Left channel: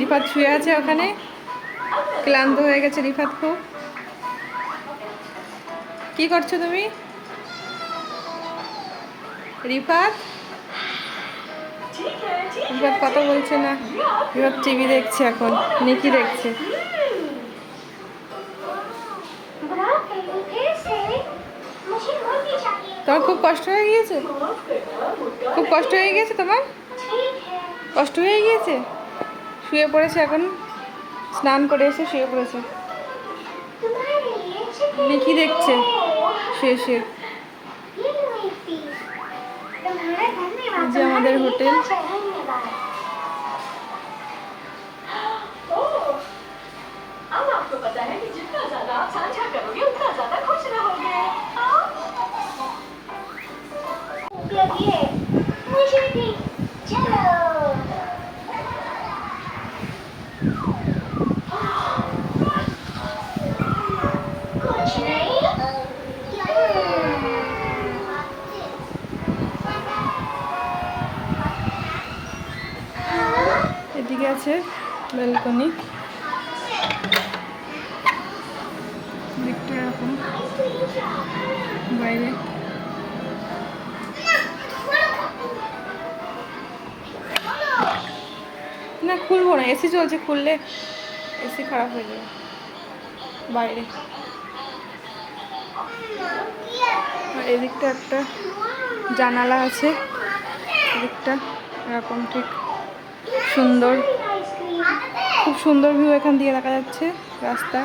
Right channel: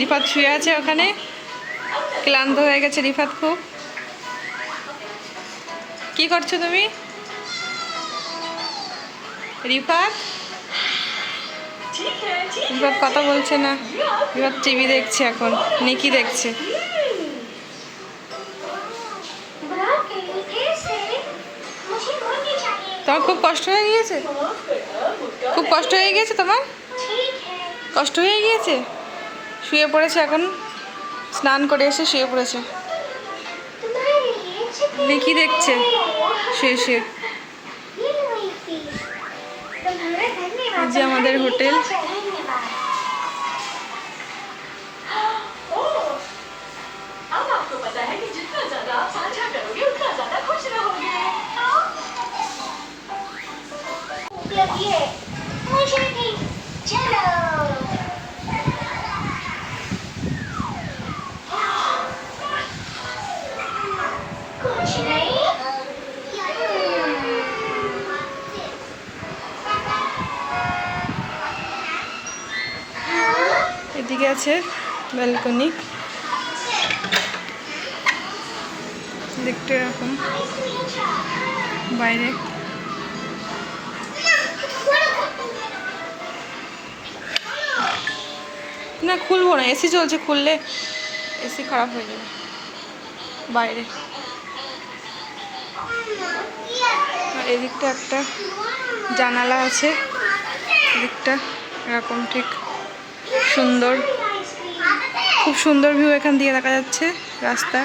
রিফাত শুয়ে আছে ওখানে, ক্লান্ত হয়ে গেছে রিফাত খুব। কি করছো তুমি রিফাত? রিফাত কথা বলছে না, রিফাত টিভি দেখছে এখন, নিকি দেখছে। তোমার খুব কষ্ট হয়ে গিয়েছে? খুব কষ্ট হয়ে গিয়েছে তোমার? কষ্ট হয়ে গিয়েছে? শুয়ে পড়েছে এখন, স্নান করে এসে শুয়ে পড়েছে। নিকি দেখছে শুয়ে শুয়ে। এই যে আমাদের হোটেল। এদিকে আছে ব্যালকনি, দিকটা এরকম বাইরে। না খুলবো না, এসি চলছে, খুললে এসি খারাপ হয়ে যাবে বাইরে। আর এদিকটা একটা জানালা আছে, এদিকটা এরকম ঠিক সুন্দর, খুব সুন্দর ভিউ এখান দিয়ে দেখা যাচ্ছে রাস্তা।